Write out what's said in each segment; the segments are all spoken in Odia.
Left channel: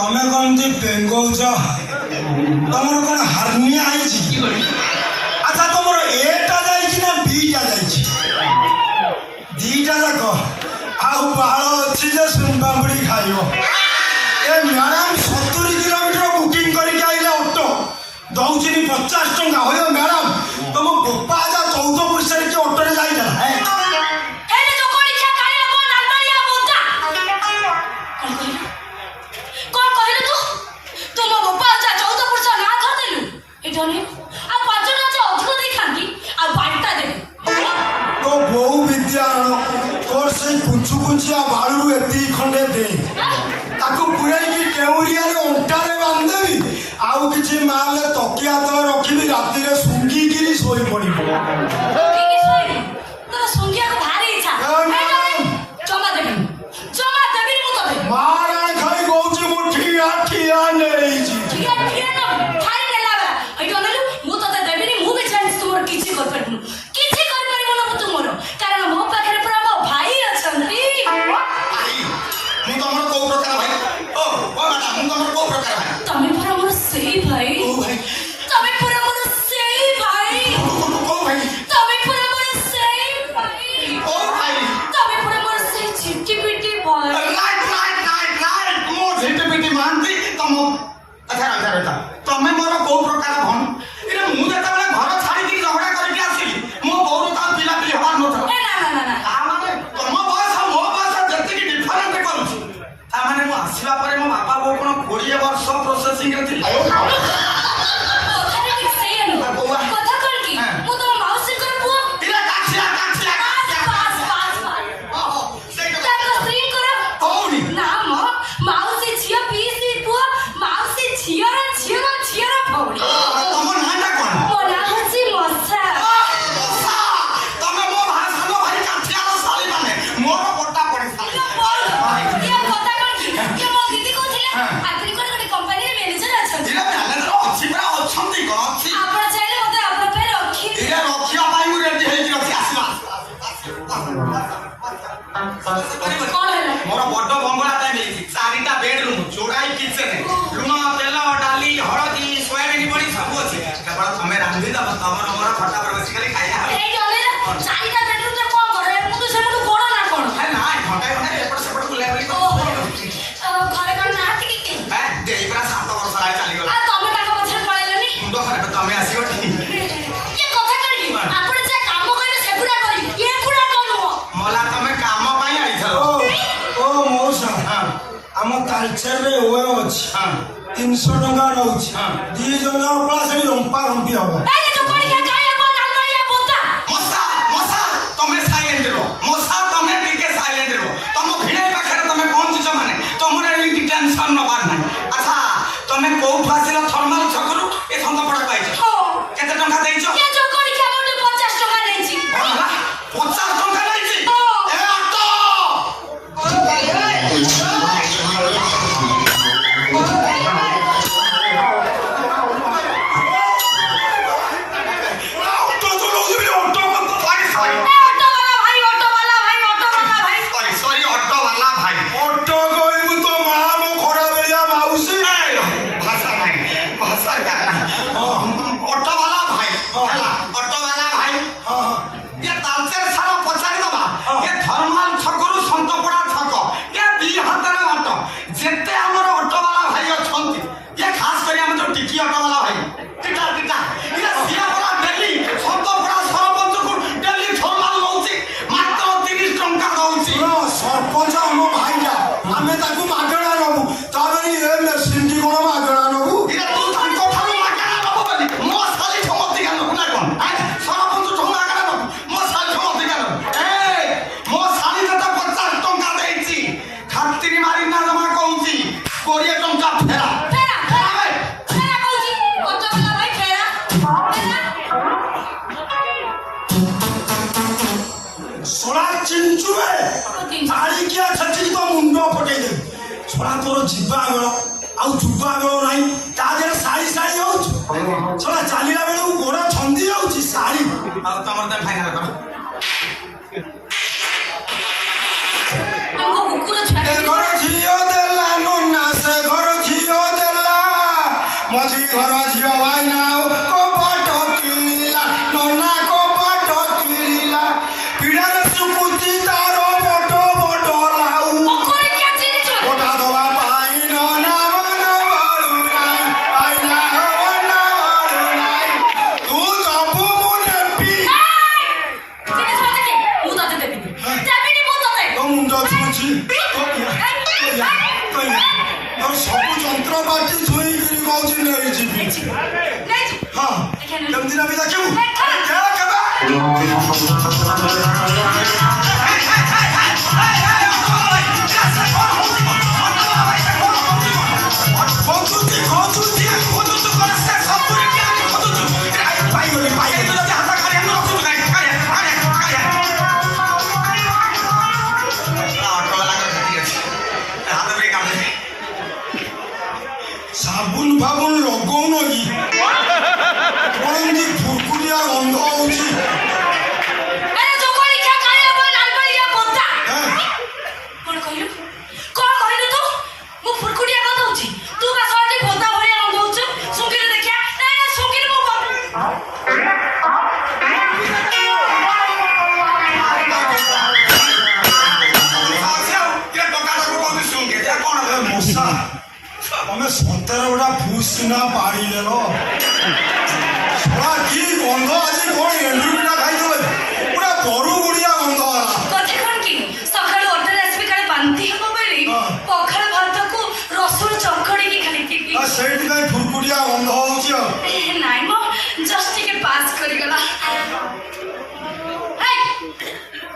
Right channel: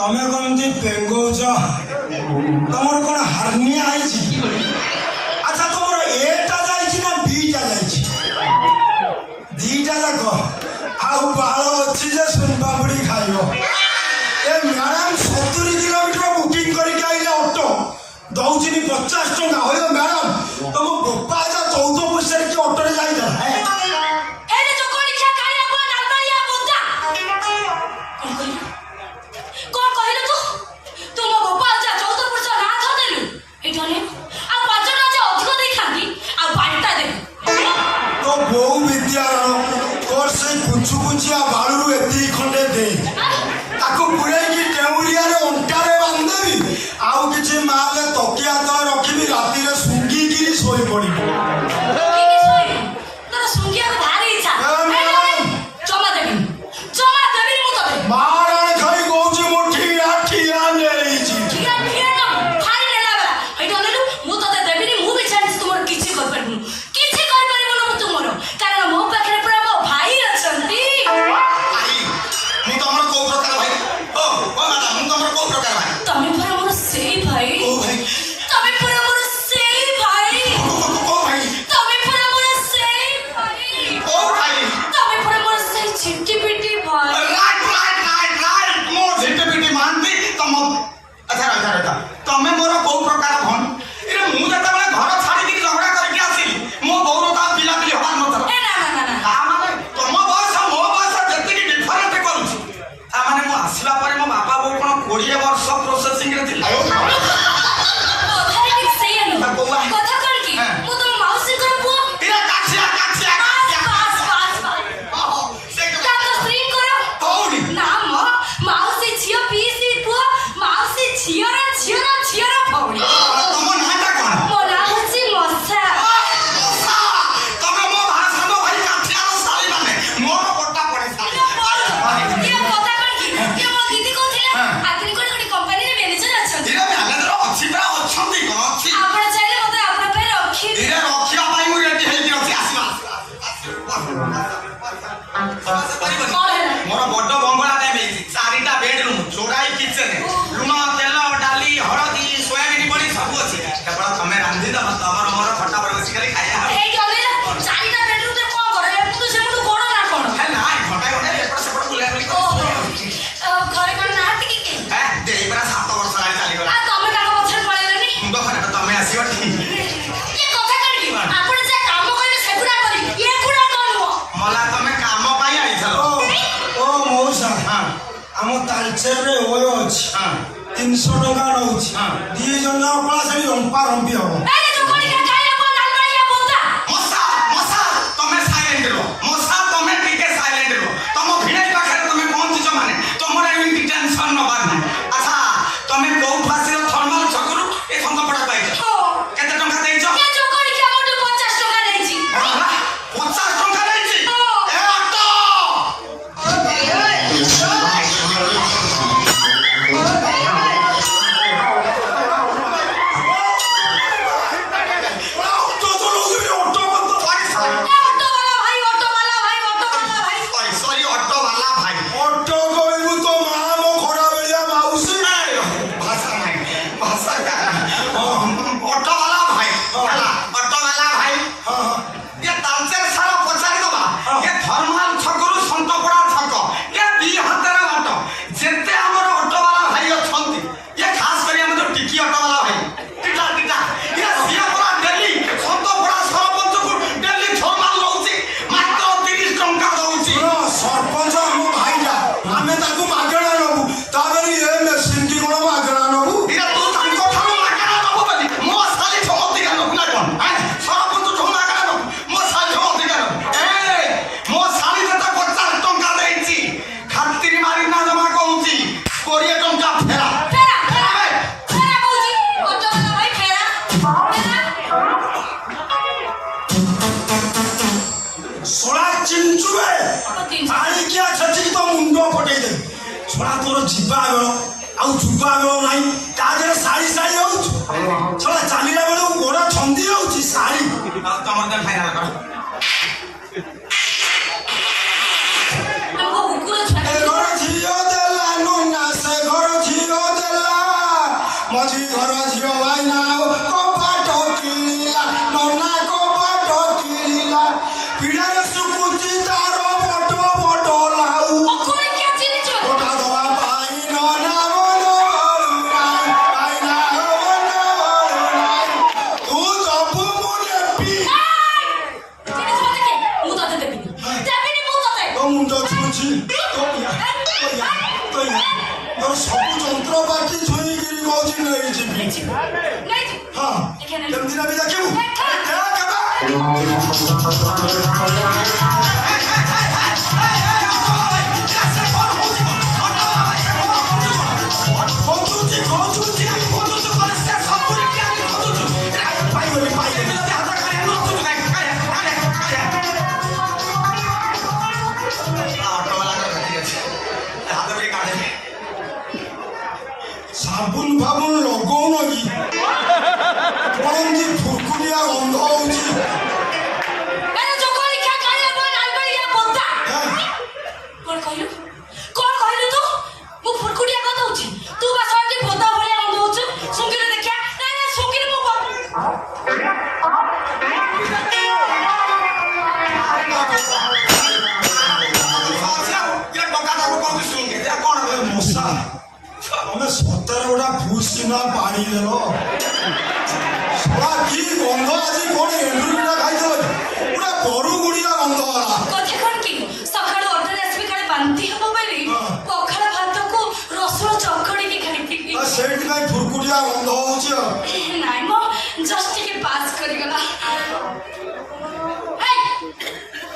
तमें कौन बेंगौच तुम कौन हार्निया अच्छा तुम एटा जा बीटा दीटा जाक आल अच्छी सुनपामुड़ी खाइब ए मैडम 70 किलोमीटर बुकिंग करके ऑटो दौर 50 टंका हो मैडम तुम बोपा जा 14 पैसा की ऑटो जाइना तो बहु विद्यारण तोर से कुंचिया बालू एति खंडे दे ताको पुरै की टेउरिया रे अंटारे बांधेबी आउ किछि माले तकिया तो रखिबी राती रे सुंगी गिरी सोई पड़ी तो सुंगिया भारी इच्छा जमा देबी मु तबे मारे खाई गौजी मुठी आठिया नेई जी ठिया ना खाई लेला बा हेटो लेलु मु तते देबी मु भी चाहे तुमर किछि कर परनु किछि कर परिबो न तुमर कारण मो पाखरे पूरा मो भाई अछंती मु तमर को प्रकार भाई ओ मैडम मु तमर को प्रकार भाई तमे पूरा मोर सेही भाई ओ भाई तमे पूरा मोर सेही भाई ओ भाई तमे पूरा मोर सेही भाई ओ भाई तमे पूरा मोर सेही चिट्टी पिट्टी भाई राइट मो झिटे पिटी मानती तम अच्छा तमे मोर को प्रकार भन इरे मु जता बेले घर छाड़ी के झगड़ा करके आसी मो बोरो ता पिला पिली हवा न था ए ना आ माने तम बयस मो बयस जति डिफरेंट करूची आ माने मो आसीला परे मो बापा बो कोन 20 वर्ष प्रोसेसिंग रे थी कथारे कि सही न कथा कर की मु तो माउसी कर पुओ इरे काछिया पास से ताको स्त्री कर कौड़ी ना म माउसी छियो पीसी पुओ माउसी छियो रे भौड़ी तम नाटा कोन मो लाउसी मसा तमे मो भाषा नो भाई काछिया रो साली माने मोर पट्टा पड़ी साली ये कथा कर की ये मो दीदी कहथिले आतरी कोन कंपनी रे मैनेजर अछन इरे मैनेजर अछि बा अछंती कोन अछि आपण चाहिले मते आपण पे रखी इरे रखिया पाई मु रेडी हेई अछि आसीला मोर बड्ड बंगला टाइम हेई चारिटा बेडरूम चौड़ाई किचन लुण तेल डाली हळदी सोयाबीन पड़ी सब अछि केवल तमे रांधी दब तबर मोर फटा पर बसी खाली खाया ए जले चारिटा बेडरूम रे कोन करे मु तो सेमु कोन ना कोन है ना घंटा घंटा एपट सेपट बुलाय बली ओ घरे कोन ना टिके दे ପୁରା 7 ବର୍ଷ ହେଲା ଚାଲିଗଲା। ଆଉ ତମେ ତାଙ୍କ ପଛରେ ପଳେଇଲନି? ମୁଣ୍ଡ ଖରାପ ତମେ ଆସିବ ଠିକ୍। ଏ କଥା କରିବି ଆପଣ ଯେ କାମ କରିବେ ସେଗୁଡା କରିବି ଏ ଗୁଡା କଣ ନୁହଁ? ମଲା ତମେ କାମ ପାଇଁ ଆଇଥିଲ। ଓ ମଉସା ଆମ ତାଲଚେରରେ ଓଏ ଅଛି 300 ଟଙ୍କା ରହୁଛି 2 ଜଣ ପଳା ସେଇ ରମ୍ପା ରମ୍ପି ହବ। ଏ ଯୋଉ କଳିକା କାଳିଆ କୋ ନାଲବାଳିଆ ବୋତା ମଶା ମଶା ତମେ ସାଇଲେଣ୍ଟ ରୁହ। ମଶା ତମେ ଟିକେ ସାଇଲେଣ୍ଟ ରୁହ। ତମ ଭିଣେଇ ପାଖରେ ତମେ ପହଞ୍ଚିଛ ମାନେ ତମର ଏମିତି ଟେନସନ ନବାର ନାହିଁ। ଆଚ୍ଛା ତମେ କୋଉଠୁ ଆସିଲ? ଥର୍ମାଲ ଛକରୁ ଏ ଖନ୍ଦପଡ଼ା ପାଇଛ। କେତେ ଟଙ୍କା ଦେଇଛ? ଏ ଯୋଉ କଳିକା ମୋଠୁ 50 ଟଙ୍କା ନେଇଛି। 50 ଟଙ୍କା ଦେଇଛି। ଏ ଅଟ ଅଟୋ ଚଲଉଥିବି ଅଟୋ ବନ୍ଦ। ସରି ଅଟୋ ବାଲା ଭାଇ। ଅଟୋ କହିବୁ ତ ମାମ ଖରାପ ହେଇଆ ମାଉସୀ। ଭାଷା ନାହିଁ ଭାଷା ଅଟୋ ବାଲା ଭାଇ ହେଲା ଅଟୋ ବାଲା ଭାଇ। ये तालचेर सारा पचारि दबा ये धर्माल छकरू संतपड़ा छक ये 2 हाथर बाट जेते हमर ऑटो वाला भाई अछंती ये खास करी हम टिकी ऑटो वाला भाई टिका टिका ये सिया वाला दिल्ली संतपड़ा सरपंच को दिल्ली धर्माल लौची मात्र 30 टंका दउची। ସରପଞ୍ଚ ଆମ ଭାଇଟା ଆମେ ତାକୁ ମାଗଣା ନବୁ ତାପରେ ଏ ମେସିନ୍ କି କଣ ମାଗଣା ନବୁ? ये तू तांको ठाऊ मागଣା नबो बली मो साली समति गालो ना कोन सरपंच ठाऊ मागଣା नबो मो साली समति गालो ए मो साली त 50 टंका देइची खातिर मारी ना जमा कहूची 20 टंका फेरा ଶଳା ଚିଞ୍ଚୁବେ ମାରିକିଆ ଛେଚିକି ତ ମୁଣ୍ଡ ପକେଇ ଦେବି। ଶଳା ତୋର ଯିବା ବେଳ ଆଉ ଯୁବା ବେଳ ନାହିଁ ତା ଦେହରେ ଶାଢ଼ୀ ଶାଢ଼ୀ ହଉଛୁ। ଶଳା ଚାଲିଲା ବେଳକୁ ଗୋଡ଼ ଛନ୍ଦି ହଉଛି ଶାଢ଼ୀ। तमर दे फेरा कर ଏ ଘର ଝିଅ ଦେଲା ନନା ସେ ଘର ଝିଅ ଦେଲା ମଝି ଘର ଝିଅ ଭାଇନା କପାଟ କିଣିଲା ନନା କପାଟ କିଣିଲା ପିଢ଼ାରେ ଶୁକୁଚି ତାର ବଡ଼ ବଡ଼ ଲାଉ ଗୋଟା ଦବା ପାଇଁ ନନା ମନ ଭରୁନାହିଁ ଭାଇନା ମନ ଭରୁନାହିଁ ତୁ ଦବୁ ମୁଁ ନେବି। ତୋ ମୁଣ୍ଡ ଛୁଞ୍ଚି ତୋର ସବୁ ଯନ୍ତ୍ରପାତି ଛୁଇଁକିରି କହୁଛି ନେଇଯିବି। ହଁ କେମିତି ନେବି ଦେଖିବୁ ଖୋଜୁଛି ଖୋଜୁଛି खोजु कर से सब पूरे क्या खोजु ପାଇଗଲି भाई ପାଇଗଲି। तो हाथ खाया न तू खाया खाया ऑटो वाला का ठीक है हाथ ब्रेक आ दे ସାବୁନ ଫାବୁନ ଲଗଉନ କି କଣ ଏମିତି ଫୁକୁରିଆ ଗନ୍ଧ ହଉଛି? ये टोका को कौन सुन के जा कौन ଏ ମଶା ତମେ ସତରେ ଗୋଟା ଫୁସ୍ କିନା ପାଣି ଦେଲ। ଶଳା କି ଗନ୍ଧ ଆଜି କଣ ଏଣ୍ଡୁରି ପିଠା ଖାଇଦେଲ ପୁରା ବରୁ ଗୁଡିଆ ଗନ୍ଧ ହେଲା। ପଖାଳ ଭାତକୁ ରସୁଣ ଚକଡିକି ଖାଇଥିଲି। ଆଉ ସେଇଥିପାଇଁ ଫୁରକୁଟିଆ ଗନ୍ଧ ହଉଛି ଆଉ। ନାଇଁ ମ ଜଷ୍ଟ ଟିକେ ପାସ୍ କରିଗଲା।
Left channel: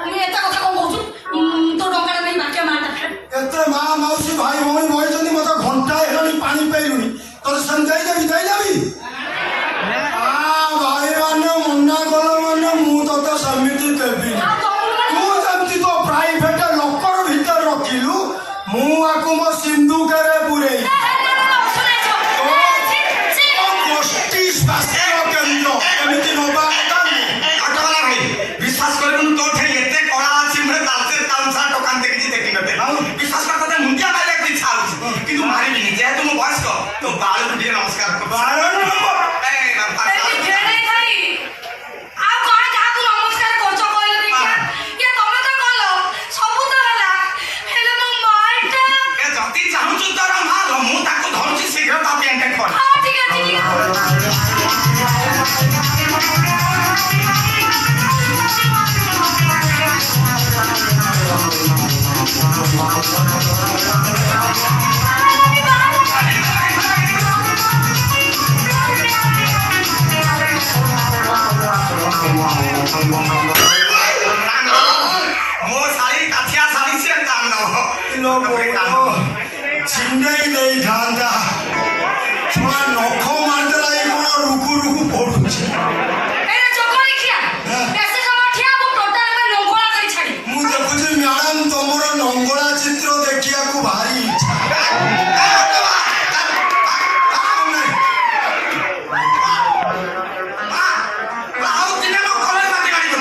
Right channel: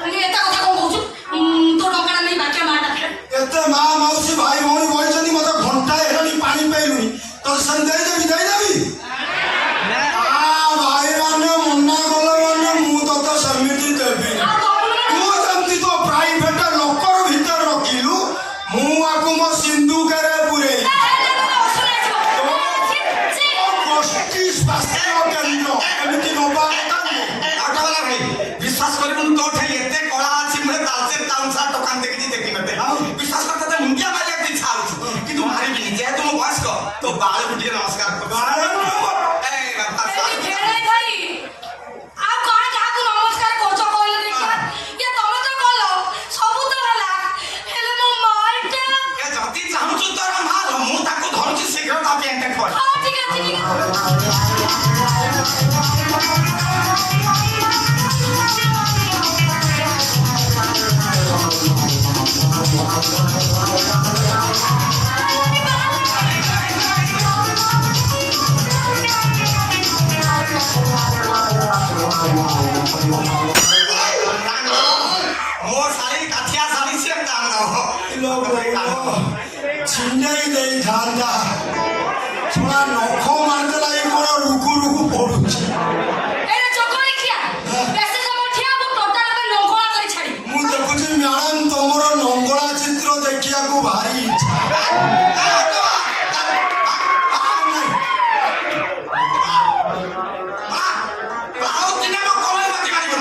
ମୁଁ ଏତେ କଥା କଣ କହୁଛୁ? ତୋ ଟଙ୍କାଟା ନେଇ ବାକି ମାଟା ଏତେ ମା ମାଉସୀ ଭାଇ ଭଉଣୀ ବହିଛନ୍ତି ମତେ ଘଣ୍ଟାଏ ହେଲାଣି ପାଣି ପାଇଲୁଣି ତୋତେ ସେମିତି ଦେଇଦେବି ଭାଇ ମାନେ ମନା କଲେ ମାନେ ମୁଁ ତତେ ସେମିତି ଦେବି। ତୁ ଯେମିତି ତୋ ପ୍ରାଇଭେଟ ଲକର ଭିତରେ ରଖିଲୁ ମୁଁ ଆକୁ ମୋ ସିନ୍ଦୁକରେ ପୁରେଇ ଗୋଷ୍ଠୀ ସ୍ୱାସ୍ଥ୍ୟ କେନ୍ଦ୍ର ଏମିତି ନବା କଥା ନୁହେଁ। ऑटो वाला भाई विश्वास करे तुम तो थे एते कला अछि मरे तालसे तालसा टोकान देखि देखि नते विश्वास करते मुंडिया मारे की इच्छा होछि किंतु मारी भी नहीं जे तुम बॉस को तो बाल उठिए नमस्कार कर ए बापा जति चाहूछु तर माल मु ताको धरछि ମୋ ଶାଳୀ କାଠିଆ ଶାଳୀ ସିଏ କାନ୍ଦ ଛିଣ୍ଡେଇ ଦେଇଥାନ୍ତା ଛୁଆ ନଖ ମାରିଦେଲା ଏଇ କଣ ରୁକୁ ରୁକୁ ପଡୁଛି ଏଇଟା ଚକଳି ଖିଆ ବେଶୀ ସମୟ ଠିଆ ହବ ଟୋଟାଲ ଏବେ ଲଙ୍ଗଳା କରି ଛାଡ଼ି ମୁଁ ଦେଖୁଛି ମ୍ୟାଡାମ ତମର ଲଙ୍ଗଳା ଚିତ୍ର ଦେଖିବାକୁ ଭାରି ଇଚ୍ଛା ଆଉ ଦିନେ ମୋ କଲେଜ ମାଟି ମାରିବ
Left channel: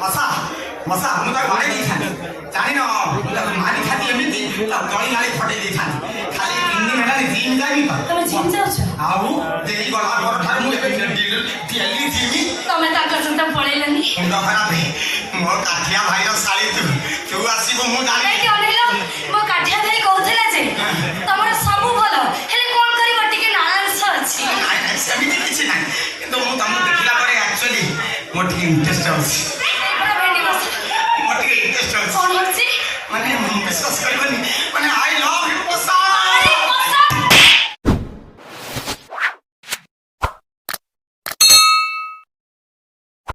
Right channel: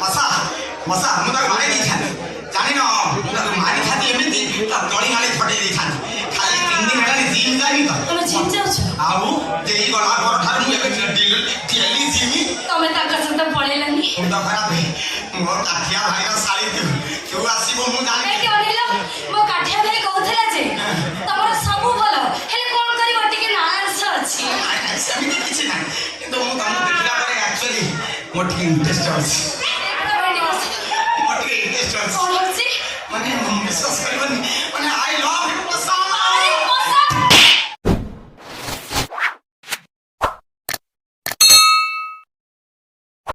ମଶା ମଶା ମୁଁ ତାକୁ ମାରି ଦେଇଥାନ୍ତି ଜାଣିନ ମୁଁ ତାକୁ ମାରିଥାନ୍ତି ଏମିତି ତା ତଳି ଗାଳି ଫଟେଇ ଦେଇଥାନ୍ତି ଖାଲି 3 ଦିନ ହେଲାଣି ଜିମ୍ ଯାଇନି ତ ତମେ ଜିମ୍ ଯାଉଛ ଆଉ ଦେଇ ଗଲା ପରଠାରୁ ମୁଁ ଏବେ ଡେଲି ଯିମି ତମେ ତାଙ୍କ ସହିତ ପଳେଇଲନି ମୁଣ୍ଡ ଖରାପ ମୋ କାଠିଆ ଭାଇର ଶାଳୀ ତୁ ଆସିବୁ ମୁଁ ଜାଣିନି କାହିଁକି ଅନେଇଲ ମୋ କାଠିଆ ଭାଇ କହୁଥିଲା ଯେ ତମର ସବୁ ଭଲ ହେଲେ କଣ କରିବ ଟିକେ ନାଳାଂଶ ଅଛି ନାଇଁ, ନାଇଁ, ସେମିତି କିଛି ନାହିଁ କିନ୍ତୁ ମୁଁ ତମକୁ ଦେଖିଲା ପରେ ଆକ୍ଚୁଆଲି ମୋର ଟିକେ ଇଣ୍ଟରେଷ୍ଟ ଅଛି ଏଇପରା ଭେଣ୍ଡି ବସ ମୋର ଟିକେ ଇଣ୍ଟରେଷ୍ଟ ଅଛି କଣ ହଉଛି ମାନେ ବିଶ୍ୱାସ କରିବନି